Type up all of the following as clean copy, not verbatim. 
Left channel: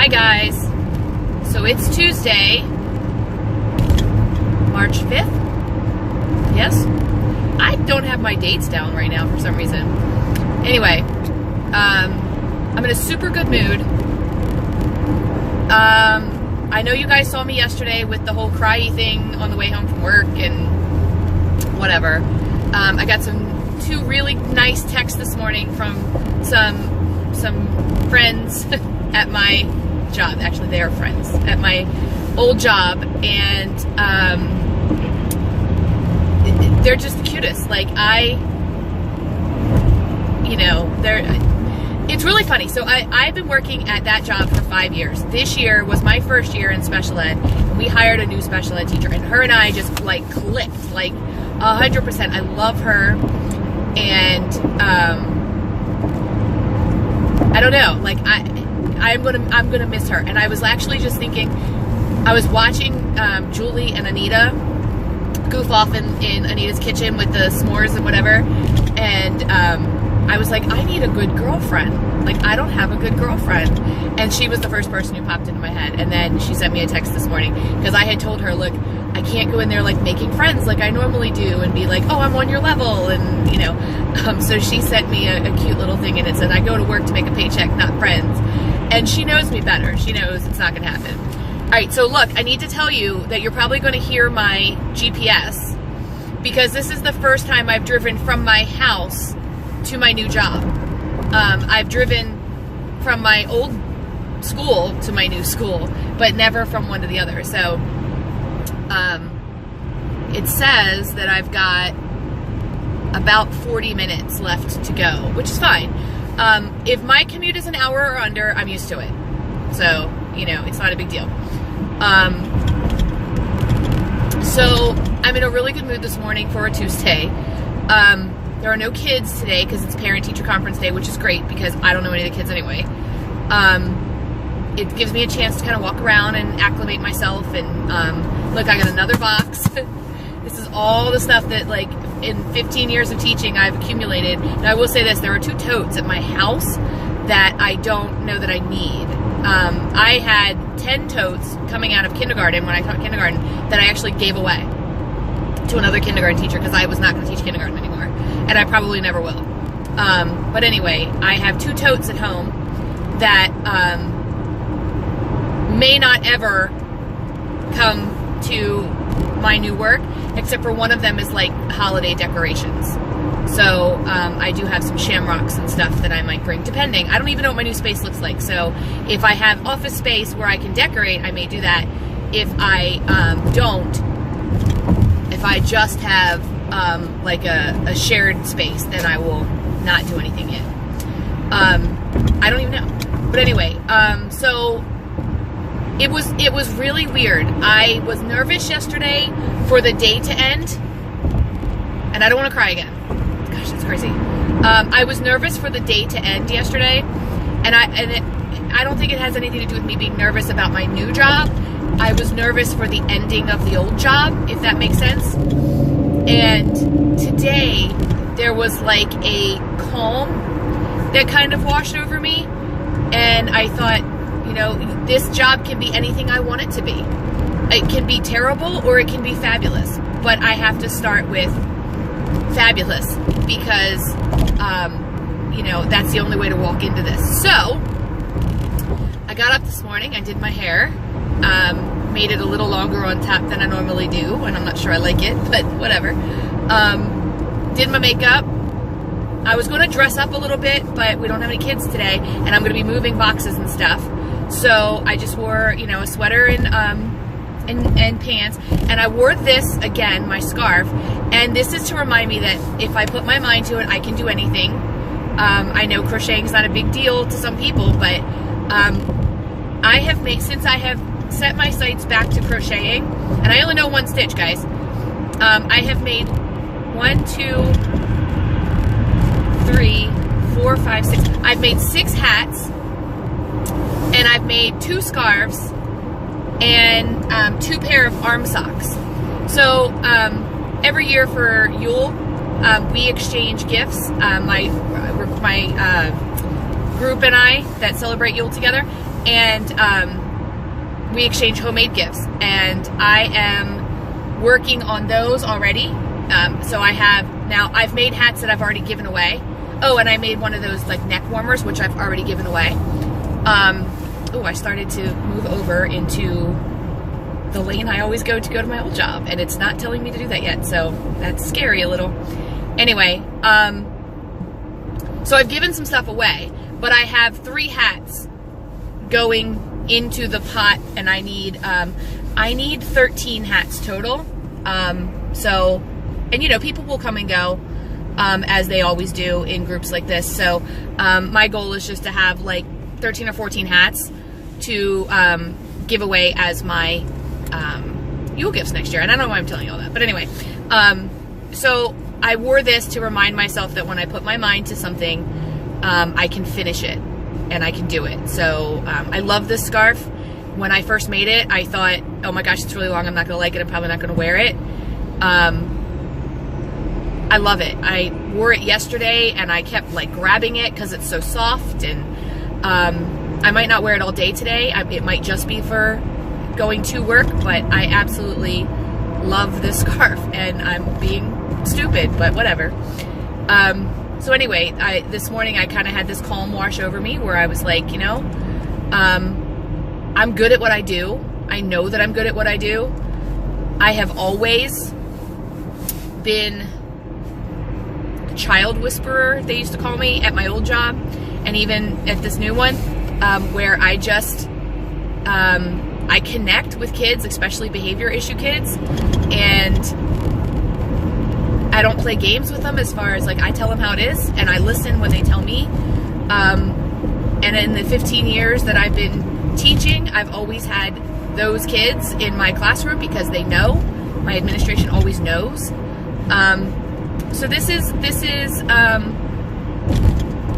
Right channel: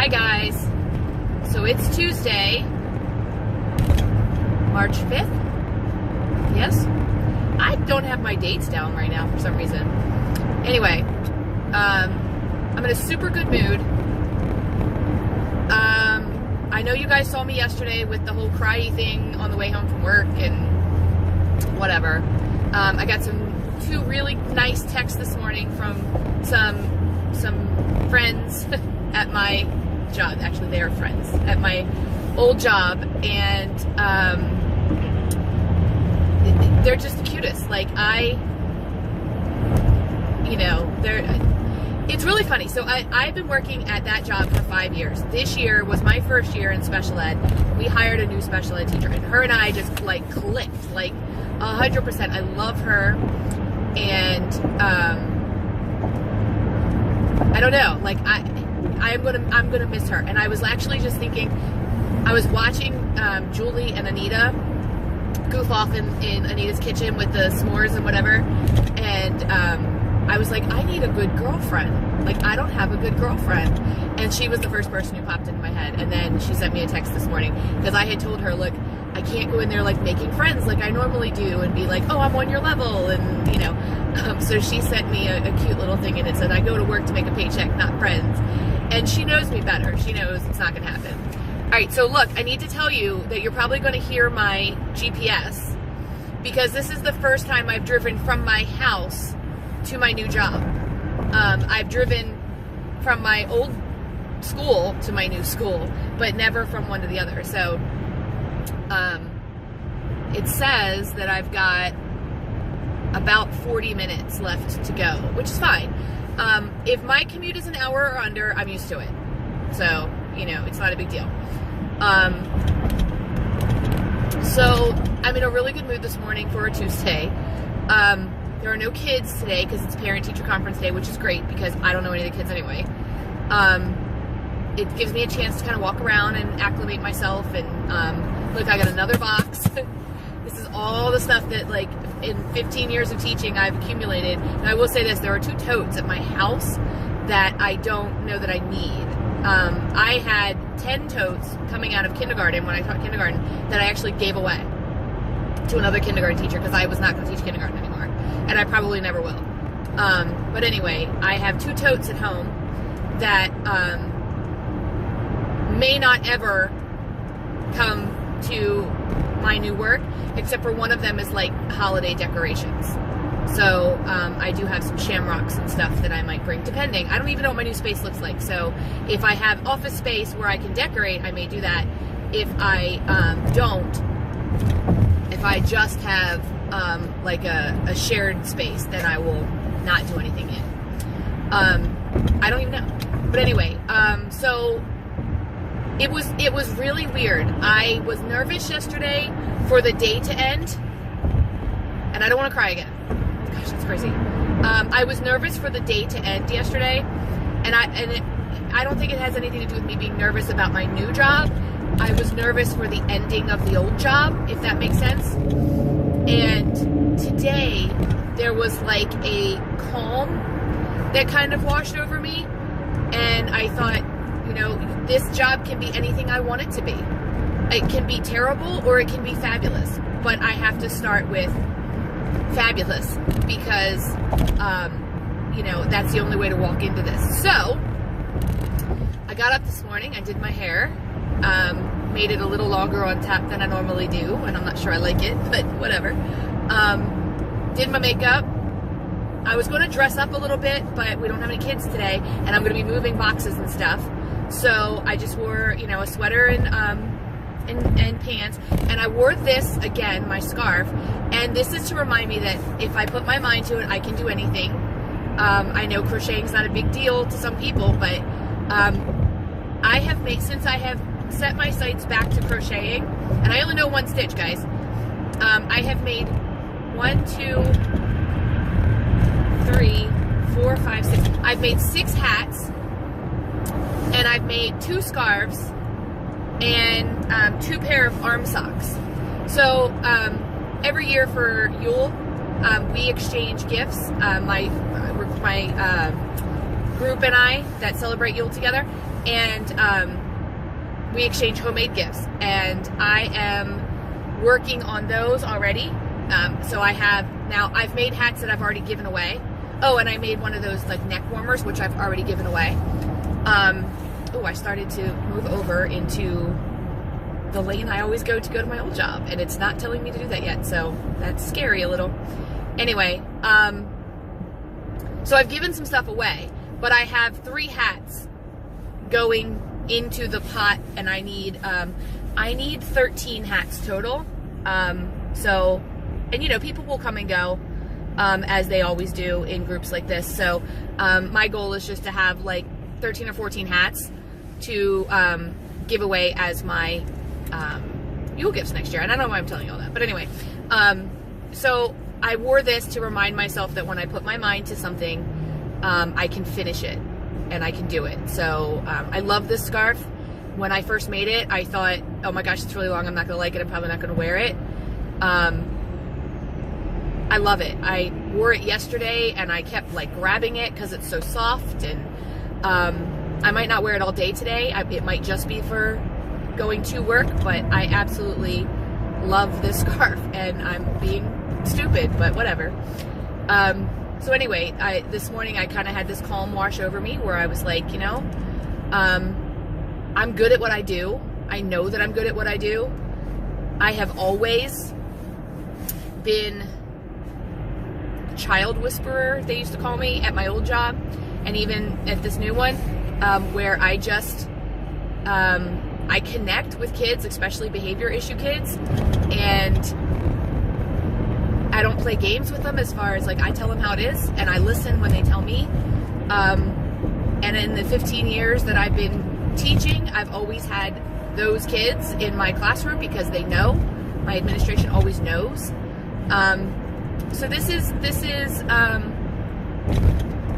Hi guys. So it's Tuesday, March 5th. Yes? I don't have my dates down right now for some reason. Anyway, I'm in a super good mood. I know you guys saw me yesterday with the whole cryy thing on the way home from work and whatever. I got two really nice texts this morning from some friends at my job. Actually, they are friends at my old job, and they're just the cutest. Like, it's really funny. So I've been working at that job for 5 years. This year was my first year in special ed. We hired a new special ed teacher, and her and I just like clicked, like 100%. I love her, and I don't know, like I'm gonna miss her. And I was actually just thinking, I was watching Julie and Anita goof off in Anita's kitchen with the s'mores and whatever, and I was like, I need a good girlfriend. Like, I don't have a good girlfriend. And she was the first person who popped into my head. And then she sent me a text this morning because I had told her, look, I can't go in there like making friends like I normally do and be like, oh, I'm on your level, and so she sent me a cute little thing, and it said, I go to work to make a paycheck, not friends. And she knows me better. She knows it's not gonna happen. All right, so look, I need to tell you that you're probably gonna hear my GPS because this is the first time I've driven from my house to my new job. I've driven from my old school to my new school, but never from one to the other. So it says that I've got about 40 minutes left to go, which is fine. If my commute is an hour or under, I'm used to it. So, it's not a big deal. So I'm in a really good mood this morning for a Tuesday. There are no kids today because it's parent-teacher conference day, which is great because I don't know any of the kids anyway. It gives me a chance to kind of walk around and acclimate myself. And look, I got another box. This is all the stuff that, like, in 15 years of teaching I've accumulated. Now, I will say this, there are 2 totes at my house that I don't know that I need. I had 10 totes coming out of kindergarten when I taught kindergarten that I actually gave away to another kindergarten teacher because I was not going to teach kindergarten anymore. And I probably never will. But anyway, I have 2 totes at home that may not ever come to my new work, except for one of them is like holiday decorations. So I do have some shamrocks and stuff that I might bring, depending. I don't even know what my new space looks like. So if I have office space where I can decorate, I may do that. If I don't, if I just have like a shared space, then I will not do anything yet. I don't even know. But anyway, so it was really weird. I was nervous yesterday for the day to end, and I don't want to cry again. Gosh, that's crazy. I was nervous for the day to end yesterday, and I don't think it has anything to do with me being nervous about my new job. I was nervous for the ending of the old job, if that makes sense. And today, there was like a calm that kind of washed over me. And I thought, this job can be anything I want it to be. It can be terrible or it can be fabulous. But I have to start with fabulous because, that's the only way to walk into this. So, I got up this morning, I did my hair. Made it a little longer on top than I normally do, and I'm not sure I like it, but whatever. Did my makeup. I was going to dress up a little bit, but we don't have any kids today, and I'm going to be moving boxes and stuff. So I just wore, a sweater and pants, and I wore this again, my scarf, and this is to remind me that if I put my mind to it, I can do anything. I know crocheting is not a big deal to some people, but I have made, since I have set my sights back to crocheting, and I only know 1 stitch, guys. I have made 1, 2, 3, 4, 5, 6. I've made 6 hats, and I've made 2 scarves, and 2 pair of arm socks. So every year for Yule, we exchange gifts. My group and I that celebrate Yule together, and we exchange homemade gifts, and I am working on those already. So I've made hats that I've already given away. Oh, and I made one of those like neck warmers, which I've already given away. I started to move over into the lane I always go to my old job, and it's not telling me to do that yet, so that's scary a little. Anyway, so I've given some stuff away, but I have 3 hats going into the pot, and I need 13 hats total. So, and you know, people will come and go, as they always do in groups like this. So, my goal is just to have like 13 or 14 hats to give away as my Yule gifts next year. And I don't know why I'm telling you all that, but anyway, so I wore this to remind myself that when I put my mind to something, I can finish it and I can do it. So I love this scarf. When I first made it, I thought, oh my gosh, it's really long, I'm not gonna like it, I'm probably not gonna wear it. I love it. I wore it yesterday and I kept like grabbing it because it's so soft, and I might not wear it all day today. It might just be for going to work, but I absolutely love this scarf, and I'm being stupid, but whatever. So anyway, this morning I kind of had this calm wash over me where I was like, you know, I'm good at what I do. I know that I'm good at what I do. I have always been a child whisperer, they used to call me at my old job, and even at this new one, where I just, I connect with kids, especially behavior issue kids, and I don't play games with them as far as like I tell them how it is, and I listen when they tell me. And in the 15 years that I've been teaching, I've always had those kids in my classroom because they know. My administration always knows. So this is kind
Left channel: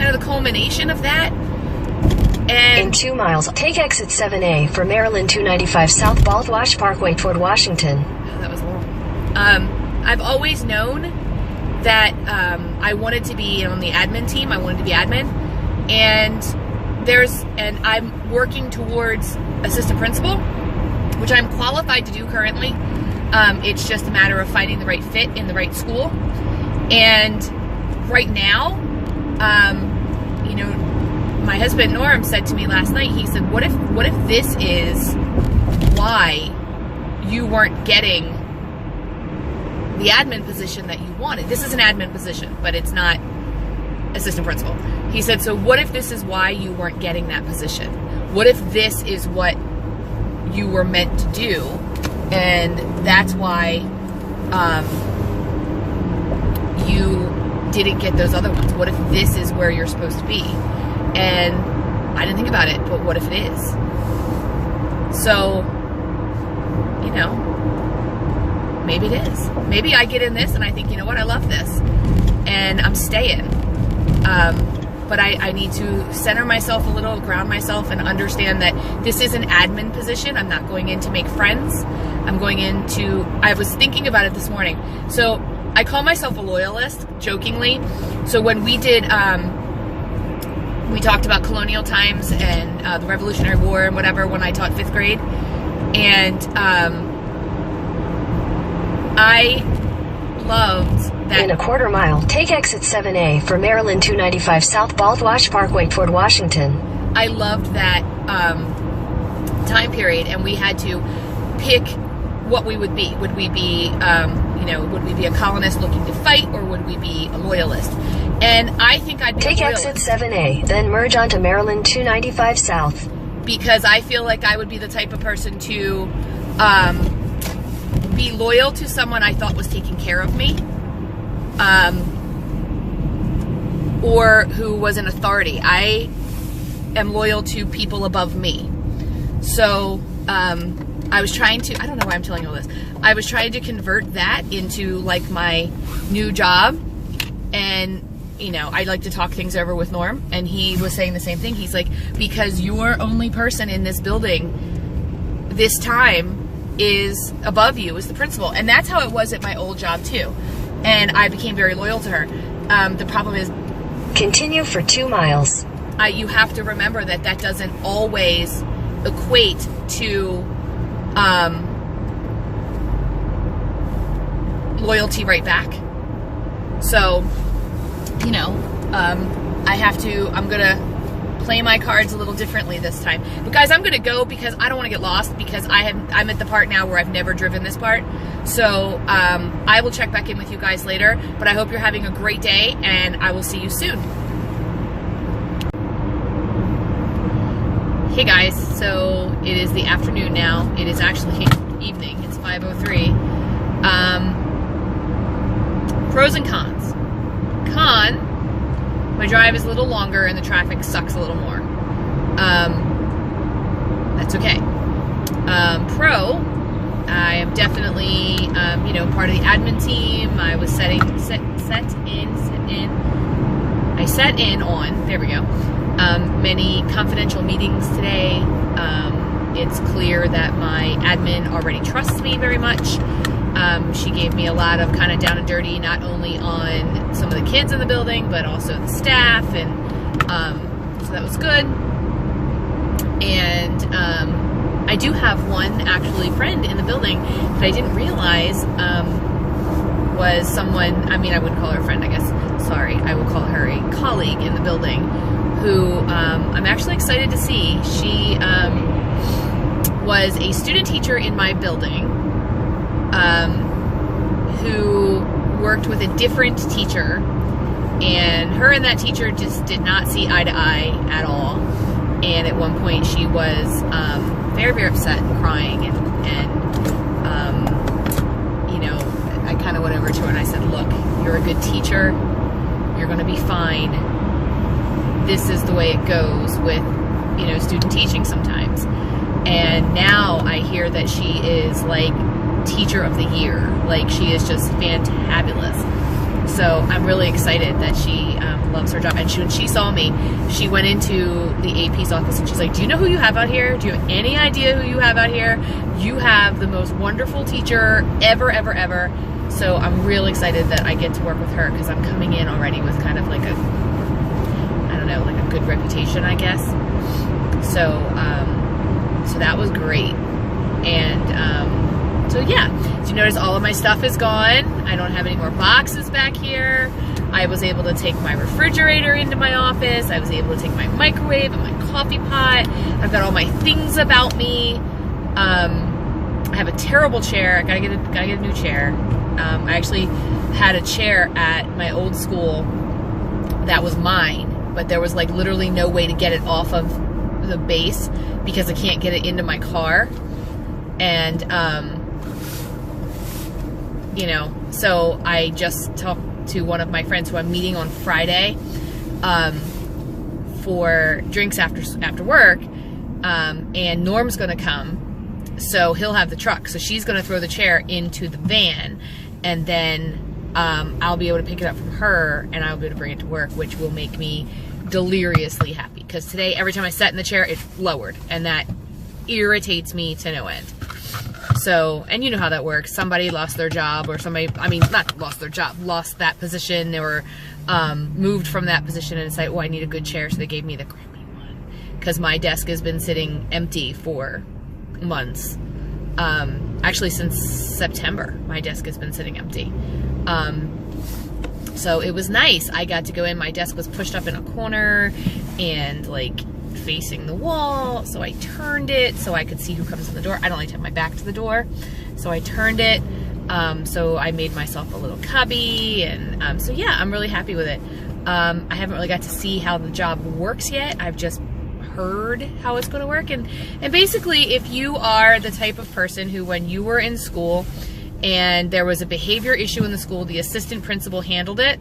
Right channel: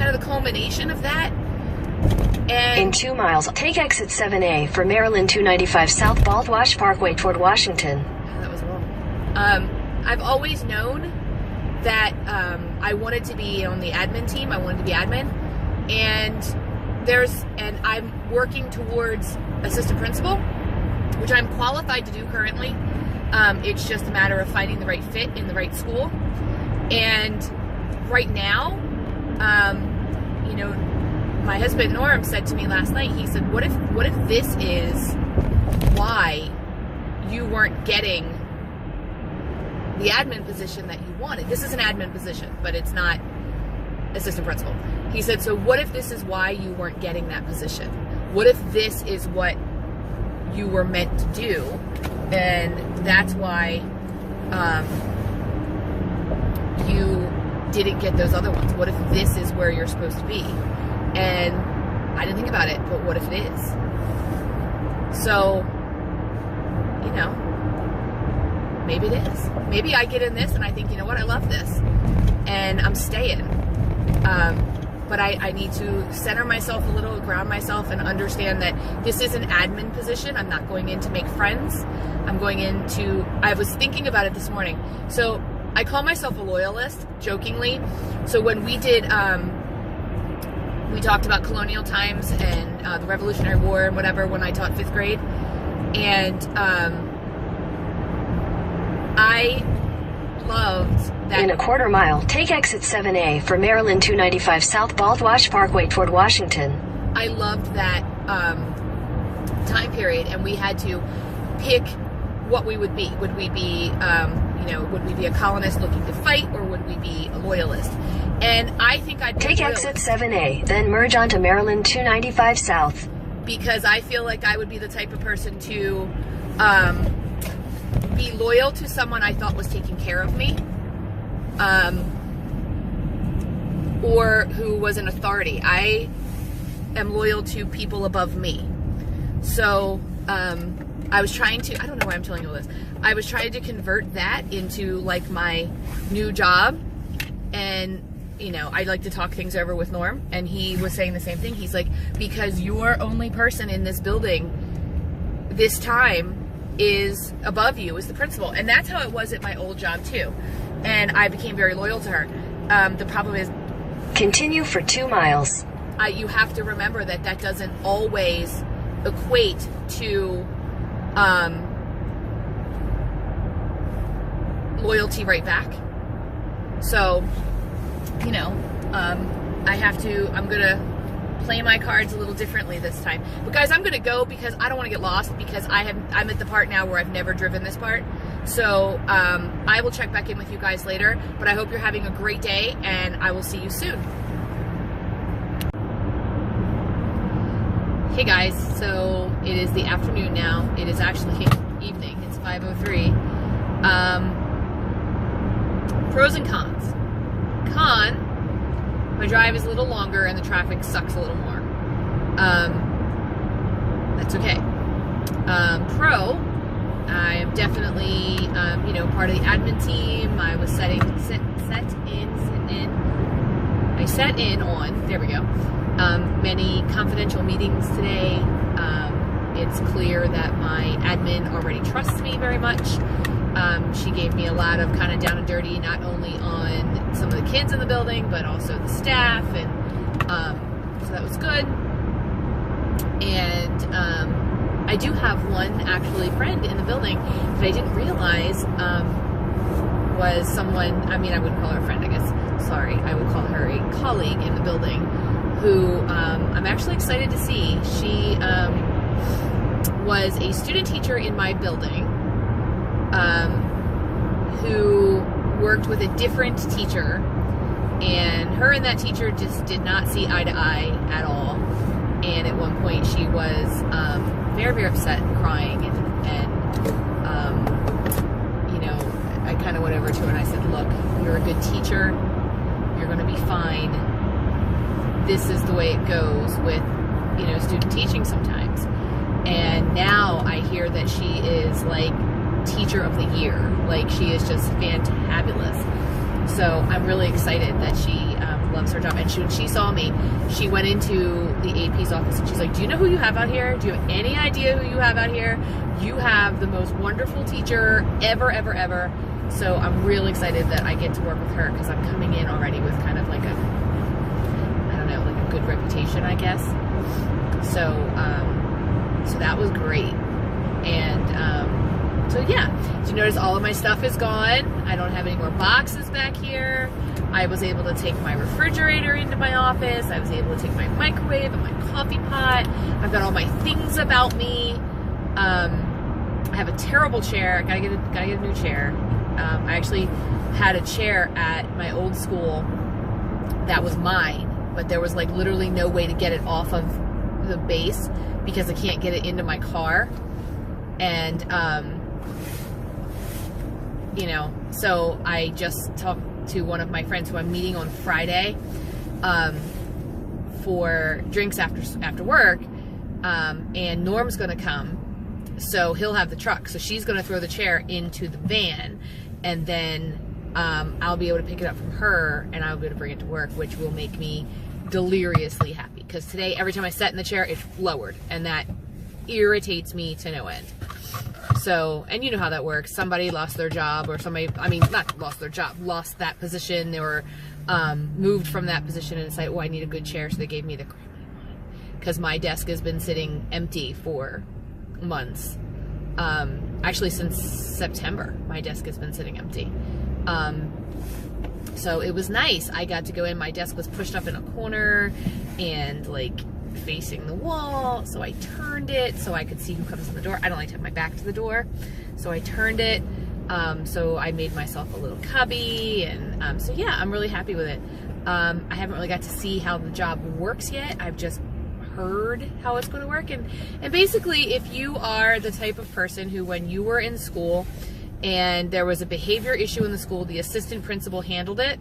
of the culmination of that. And in 2 miles, take exit 7A for Maryland 295 South Baldwash Parkway toward Washington. Oh, that was long. I've always known that I wanted to be on the admin team. I wanted to be admin, and I'm working towards assistant principal, which I'm qualified to do currently. It's just a matter of finding the right fit in the right school. And right now, you know, my husband Norm said to me last night, he said, what if this is why you weren't getting the admin position that you wanted? This is an admin position, but it's not assistant principal. He said, so what if this is why you weren't getting that position? What if this is what you were meant to do, and that's why you didn't get those other ones? What if this is where you're supposed to be? And I didn't think about it, but what if it is? So, you know, maybe it is. Maybe I get in this and I think, you know what, I love this, and I'm staying. But I need to center myself a little, ground myself, and understand that this is an admin position. I'm not going in to make friends. I'm going into, I was thinking about it this morning. So I call myself a loyalist, jokingly. So when we did, we talked about colonial times and the Revolutionary War and whatever when I taught 5th grade. And I loved that. In a quarter mile, take exit 7A for Maryland 295 South Baldwash Parkway toward Washington. I loved that time period, and we had to pick what we would be. Would we be, you know, would we be a colonist looking to fight, or would we be a loyalist? And I think I'd be take a loyalist. Exit 7A, then merge onto Maryland 295 South. Because I feel like I would be the type of person to be loyal to someone I thought was taking care of me, or who was an authority. I am loyal to people above me. So I was trying to, I don't know why I'm telling you all this, I was trying to convert that into like my new job. And you know, I like to talk things over with Norm, and he was saying the same thing. He's like, because your only person in this building this time is above you, is the principal. And that's how it was at my old job too. And I became very loyal to her. The problem is, continue for 2 miles. you have to remember that that doesn't always equate to loyalty right back. So, you know, I'm gonna play my cards a little differently this time. But guys, I'm gonna go because I don't want to get lost, because I'm at the part now where I've never driven this part. So I will check back in with you guys later, but I hope you're having a great day, and I will see you soon. Hey guys, so it is the afternoon now. It is actually evening. It's 5:03. Pros and cons. Con, my drive is a little longer and the traffic sucks a little more. That's okay. Pro, I am definitely, you know, part of the admin team. I was set in on, there we go, many confidential meetings today. It's clear that my admin already trusts me very much. She gave me a lot of kind of down and dirty, not only on some of the kids in the building, but also the staff, and so that was good. And I do have one actually friend in the building that I didn't realize was someone, I mean, I wouldn't call her a friend, I guess, sorry, I would call her a colleague in the building, who I'm actually excited to see. She was a student teacher in my building, who worked with a different teacher, and her and that teacher just did not see eye to eye at all. And at one point she was very, very upset and crying, and you know, I kind of went over to her and I said, look, you're a good teacher, you're going to be fine. This is the way it goes with, you know, student teaching sometimes. And now I hear that she is like teacher of the year. Like, she is just fantabulous. So I'm really excited that she loves her job. And when she saw me, she went into the AP's office and she's like, do you know who you have out here? Do you have any idea who you have out here? You have the most wonderful teacher ever, ever, ever. So I'm really excited that I get to work with her, because I'm coming in already with kind of like a, I don't know, like a good reputation, I guess. So, so that was great. And, so yeah, so you notice all of my stuff is gone. I don't have any more boxes back here. I was able to take my refrigerator into my office. I was able to take my microwave and my coffee pot. I've got all my things about me. I have a terrible chair. I gotta get a new chair. I actually had a chair at my old school that was mine, but there was like literally no way to get it off of the base because I can't get it into my car. And you know, so I just talked to one of my friends who I'm meeting on Friday for drinks after work, and Norm's gonna come, so he'll have the truck, so she's gonna throw the chair into the van, and then I'll be able to pick it up from her, and I'll be able to bring it to work, which will make me deliriously happy, because today every time I sat in the chair it lowered, and that irritates me to no end. So, and you know how that works. Somebody lost their job, or somebody, I mean, not lost their job, lost that position. They were moved from that position and decided, oh, I need a good chair, so they gave me the crappy one. Because my desk has been sitting empty for months. Actually, since September, my desk has been sitting empty. So it was nice. I got to go in. My desk was pushed up in a corner and like facing the wall, so I turned it so I could see who comes in the door. I don't like to have my back to the door, so I turned it. So I made myself a little cubby, and so yeah, I'm really happy with it. I haven't really got to see how the job works yet. I've just heard how it's going to work, and basically, if you are the type of person who, when you were in school and there was a behavior issue in the school, the assistant principal handled it,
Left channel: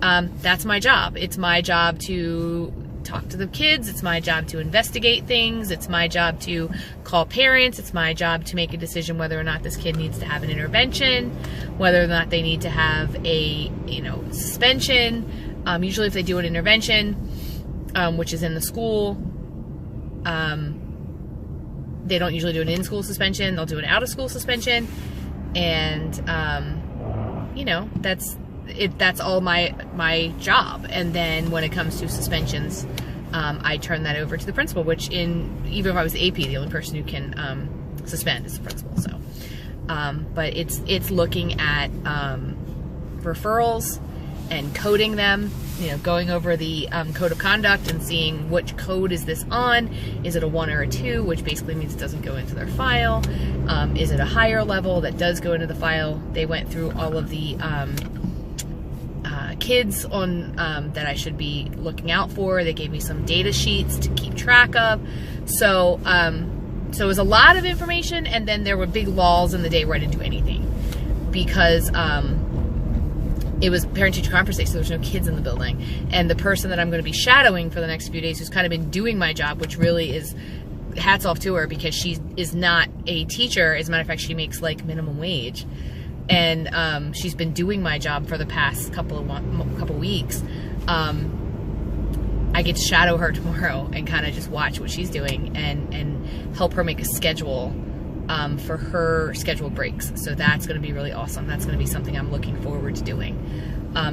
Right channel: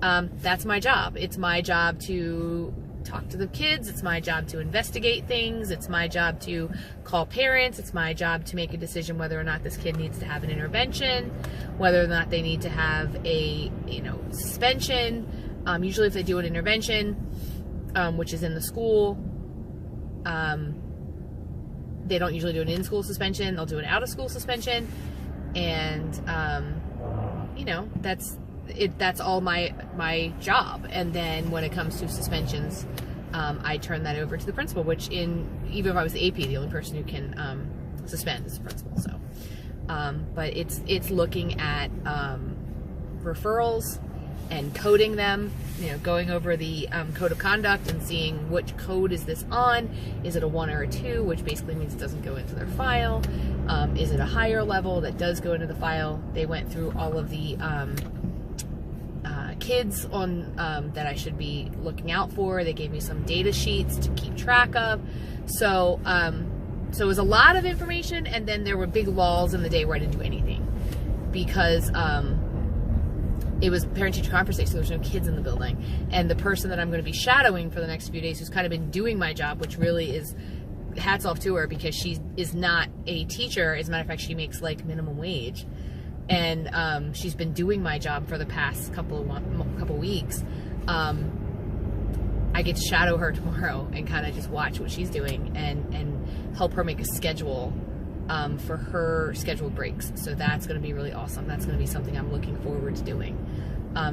that's my job. It's my job to talk to the kids. It's my job to investigate things. It's my job to call parents. It's my job to make a decision whether or not this kid needs to have an intervention, whether or not they need to have a, you know, suspension. Usually if they do an intervention, which is in the school, they don't usually do an in-school suspension. They'll do an out-of-school suspension. And, you know, that's all my job. And then when it comes to suspensions, I turn that over to the principal, which even if I was the AP, the only person who can suspend is the principal. So, but it's looking at referrals and coding them, going over the code of conduct and seeing which code is this on. Is it a 1 or a 2, which basically means it doesn't go into their file? Is it a higher level that does go into the file? They went through all of the kids on that I should be looking out for. They gave me some data sheets to keep track of. So so it was a lot of information, and then there were big lulls in the day where I didn't do anything because it was parent-teacher conference day, so there's no kids in the building. And the person that I'm going to be shadowing for the next few days, who's kind of been doing my job, which really is hats off to her, because she is not a teacher. As a matter of fact, she makes like minimum wage, and she's been doing my job for the past couple weeks. I get to shadow her tomorrow and kind of just watch what she's doing and help her make a schedule for her scheduled breaks. So that's going to be really awesome. That's going to be something I'm looking forward to doing.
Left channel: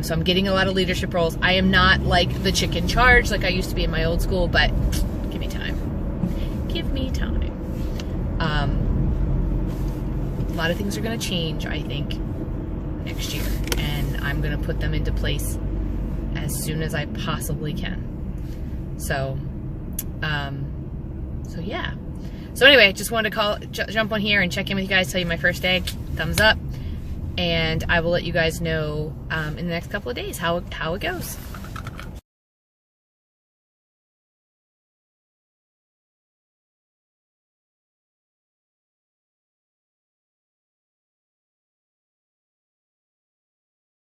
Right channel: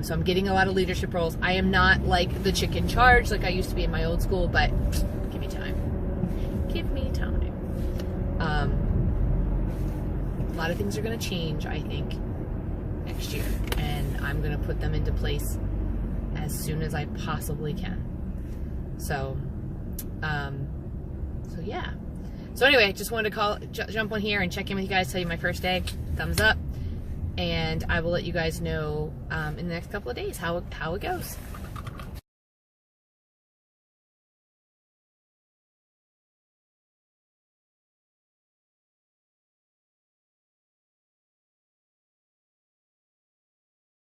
So I'm getting a lot of leadership roles. I am not like the chick in charge like I used to be in my old school, but give me time. Give me time. A lot of things are going to change, I think, next year, and I'm going to put them into place as soon as I possibly can. So, so yeah. So anyway, just wanted to jump on here and check in with you guys, tell you my first day, thumbs up, and I will let you guys know in the next couple of days how it goes.